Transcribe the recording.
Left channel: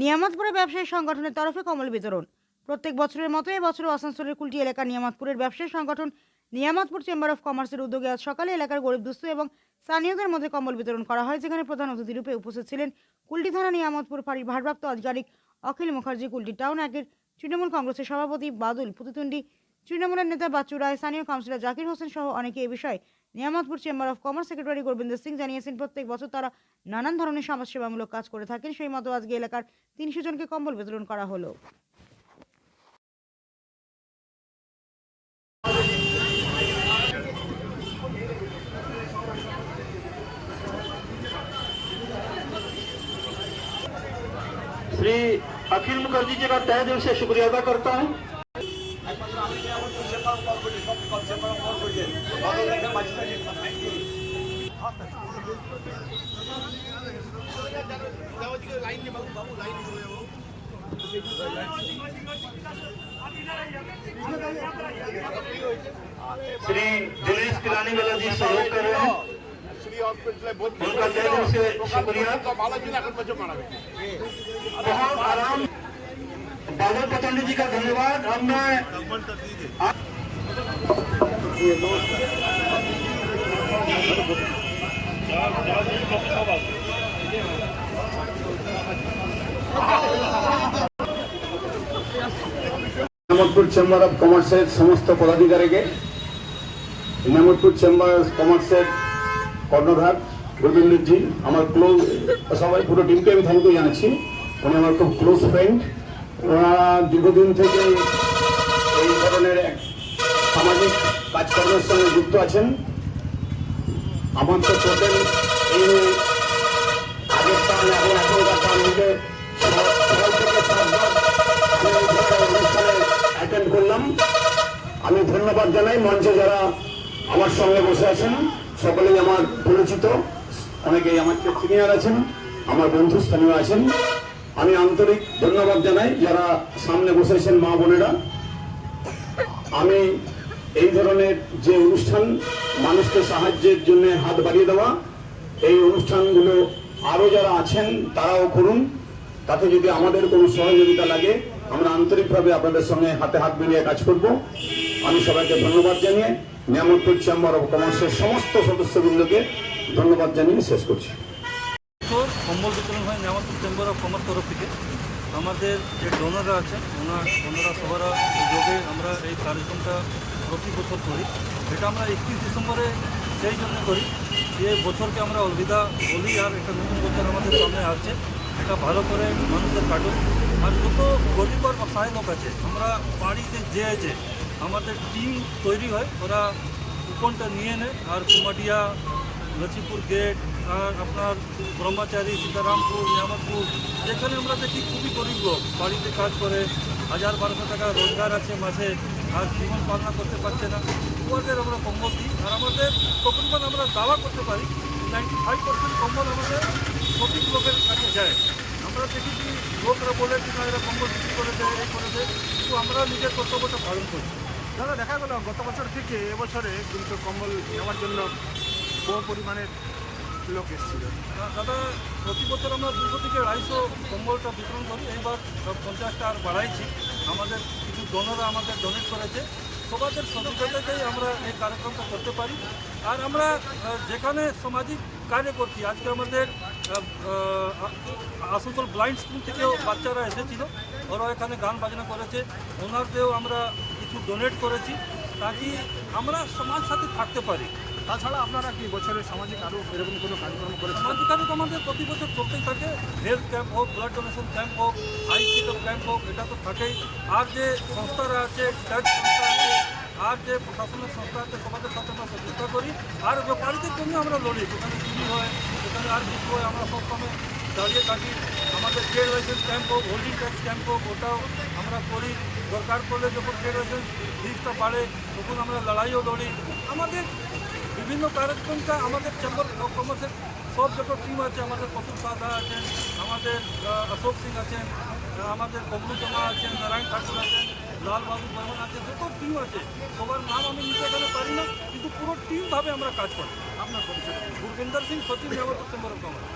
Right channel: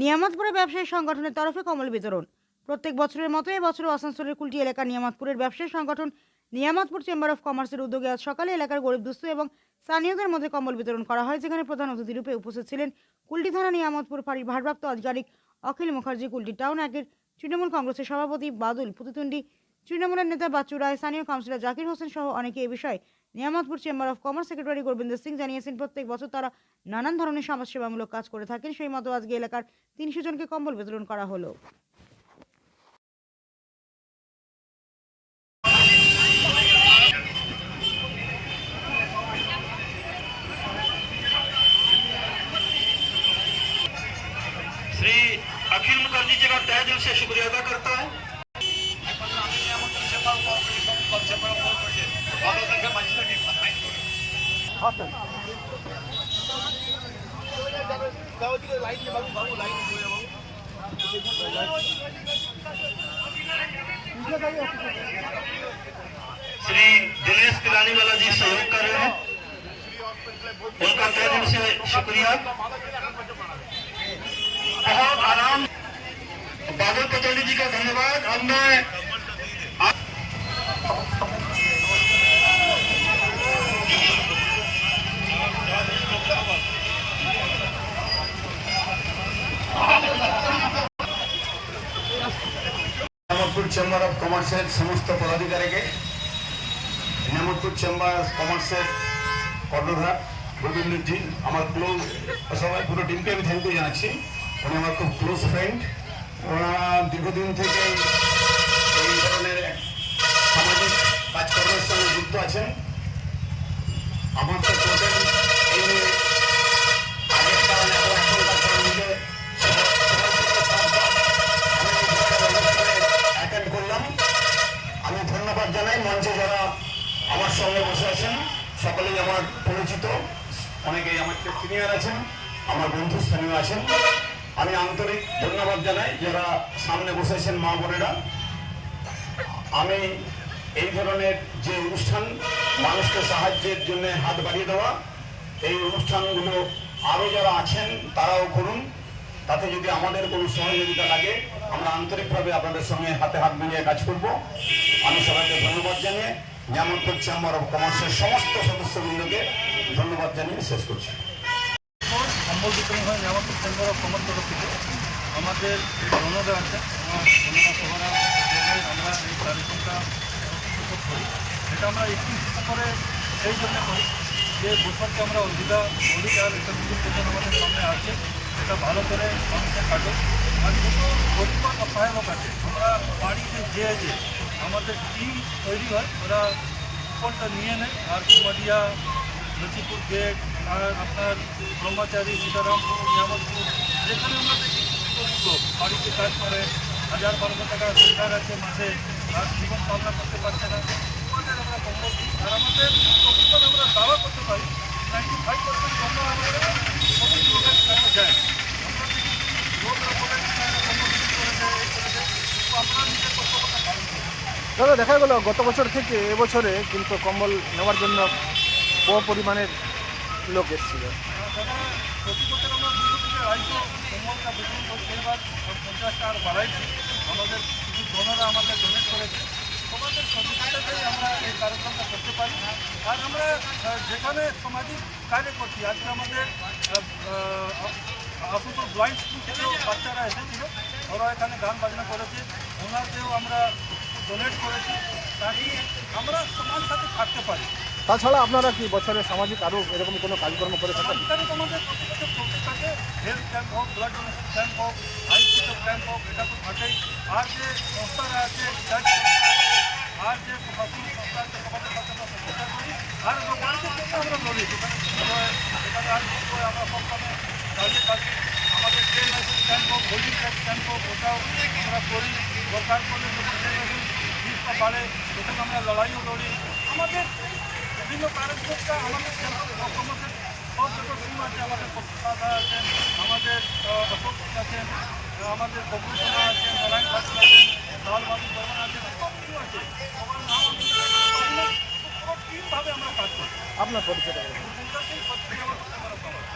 নিয়ামতপুরে ব্যবসায়ী সংগঠনের তরফে কম্বল বিতরণ। প্রত্যেক বছরের মতো এবছরও আসানসোলের কুলটি এলাকার নিয়ামতপুরের ব্যবসায়ী সংগঠন নিয়ামতপুর চেম্বার অফ কমার্সের উদ্যোগে আজ সকালে এলাকার গরিব দুস্থ এবং স্থানীয়দের মধ্যে কম্বল বিতরণ করা হয়, যেখানে প্রধান অতিথি রূপে উপস্থিত ছিলেন কুলটি থানা নিয়ামতপুর ফাঁড়ির ভারপ্রাপ্ত আধিকারিক অখিল মুখার্জি, কুলটি টাউন একের তৃণমূল কংগ্রেসের সভাপতি বাদুল প্রতিদ্বন্দ্বী তৃণমূলের নেতা বাচ্চু রায়, স্থানীয় কাউন্সিলর জাকির হোসেন সহ অনেকে এ বিষয়ে Niamatpur chamber of commerce secretary Gobinda Singh জানিয়েছেন, প্রত্যেক বছর তারা নানান ধরনের সমাজসেবামূলক কাজ করে থাকেন। সেই মতো আজকে এলাকার ৩০০ জনকে কম্বল বিতরণ করা হলো। श्री अखिल मुखर्जी जी का तहे दिल से शुक्रिया अदा करता है। श्री दिनेश पिलानी वाला जी सहयोग कर रहे हैं, उनका तहे दिल से शुक्रिया। बहुत आराम बादल पतंडी जी का धन्यवाद। अब मैं নিয়ামতপুর চেম্বার অফ কমার্সের সমস্ত পদাধিকারীকে, নিয়ামতপুর চেম্বার অফ কমার্সের কর্ণধার গোবিন্দজি, আমার ক্লোজ সবাই পুরো টিমকে আমি থ্যাংক ইউ জানাচ্ছি। উনি আমার খুব ক্লোজ ফ্রেন্ড। ওরা দীর্ঘদিন থেকে এই ধরনের সামাজিক কাজকর্মের সঙ্গে যুক্ত আছেন। আমার তো টোটাল এই আগের টান এবং এখনকার টান মিলে অ্যাটেন্ড করলাম। আমি ধন্যবাদ জানাই মঞ্চে যারা আমার সঙ্গে বসে আছেন, সকলেই আমার পরিচিত, অনেকেই আমার সিনিয়র আছেন, আমার বন্ধু স্থানীয় আছেন। আমি আন্তরিক ধন্যবাদ জানাই যারা সামনে বসেছেন মা বোনেরা। আমি এই ধরনের যে অনুষ্ঠান, মানুষকে সাহায্যের জন্য হাত বাড়িয়ে দেওয়া, এই অনুষ্ঠানগুলো আরও যারা আছেন তারাও করুন। তাতে যদি আমাদের কোনো সহযোগিতা লাগে, আমরা আন্তরিকভাবে আপনাদের সঙ্গে হাতে হাত মিলিয়ে কাজ করব। আমি সবাইকে ধন্যবাদ জানিয়ে নিয়ামতপুর চেম্বার অফ কমার্সের সমস্ত সদস্যবৃন্দকে ধন্যবাদ জানিয়ে শেষ করছি। কম্বল বিতরণ হয় নিয়ামতপুর চেম্বার অফ কমার্স তরফ থেকে। আমাদের যে ডোনাররা আছেন ওনারা সবারা যোগে আমরা এই কার্যক্রমটা প্রতি বছর করি। সেটা আমরা 31 ডিসেম্বরে সেই জন্য করি যে বছরকে আমরা অলবিদা বলি, আর একটা নতুন বছর আমাদের সামনে আসছে, এটা ভালো করে মানুষের কাটুক। আর যত গরিব আর অসহায় লোক আছে, আমরা বাড়িতে যে আমাদের টিম তৈরি হয়, ওরা কুপনটা নিয়ে নেয়। আর কুমারিয়া, লক্ষ্মীপুর গেট, আর আপনার ব্রহ্মচারী, সীতারামপুর, নিয়ামতপুর, যেখানে আমরা দেখি খুবই গরিব লোক বাড়িতে কাজ করে 1000-1200 টাকা রোজগার আছে মাসে, আর জীবন পালনা করতে পারছে না, ওদের আমরা কম্বল দিই। আর আমাদের তকরিবান আমরা দাওয়া করতে পারি 95% কম্বল আমাদের সঠিক লোকের কাছে যায়। আমরা দেখি কি লোকরা বলে কি না এরা কম্বল বিক্রি করে দেয়, কিন্তু আমরা নিজের কর্তব্যটা পালন করি। দাদা, দেখা গেল গত বছর থেকে এবছরে কিন্তু কম্বল নেওয়ার জন্য বড় পরিমাণের লোক এসেছিল। দাদা, প্রতি বছর আমরা 200 থেকে 250 কম্বলটা বিতরণ করি। এবার 50টা আর বাড়াইছি। আমাদের কিছু ডোনাররা আমাদের ডোনেট করেছে, সবাদের সহযোগিতাতেই আমরা এই কার্যক্রমটা করতে পারি। আর আমরা যেখানে সামাজিক কার্য করছি, আজকে আমাদের আসানসোল ব্লাইন্ড স্কুল থেকেও বাচ্চারা এসেছিল, ওরা এখানে গান বাজনা করেছে, ওনাদেরও আমরা কিছু ডোনেট করেছি, তাকে আমরা সমাজ সাথে থাকতে পারি। তাছাড়া আপনারা কি বছরে সামাজিক আরও এরকম কোনো কাজকর্ম করে থাকেন? সামাজিক কাজ আমাদের প্রতি বছর চলতেই থাকে। হেলথ ক্যাম্প হোক, ব্লাড ডোনেশন ক্যাম্প হোক, আই চেকআপ ক্যাম্প হোক, এটা তো থাকেই। আর যে সংস্থারা আছে, চার্চ সংস্থা আছে, আর যে প্রশাসনিক সংস্থা আছে, সমাজের সাথে আমরা সচেষ্টা করি। আর ব্যাপারীদের জন্য আমরা লড়ি, দোকানে চুরি হয়, সেখানে আর কিছু হয়, আমরা সব সময় দাঁড়িয়ে থাকি। আমাদের ট্রেড লাইসেন্স ক্যাম্প হোক, হোল্ডিং ট্যাক্স ক্যাম্প হোক, ওটাও আমরা করি। দরকার পড়লে যখন ট্রেড লাইসেন্স ফিসটা বাড়ে, তখন আমরা লড়াইও লড়ি। আমাদের বিভিন্ন কার্যক্রমটা আমাদের চেম্বার অফ কমার্সের সব যত টিম আছে, আমাদের কপিল সাধা আছেন, আমাদের অশোক সিং আছেন, আমাদের কবলু শর্মা আছেন, নারায়ণ ঠাকুর আছেন, লাল বাবু বর্মন আছে, যত টিম আছে সবার নাম আমি নিতে পারি না, কিন্তু পুরো টিমভাবে আমরা কাজ করি। আপনার পরিচয়? গুরবিন্দর সিং, সচিব, নিয়ামতপুর চেম্বার অফ কমার্স।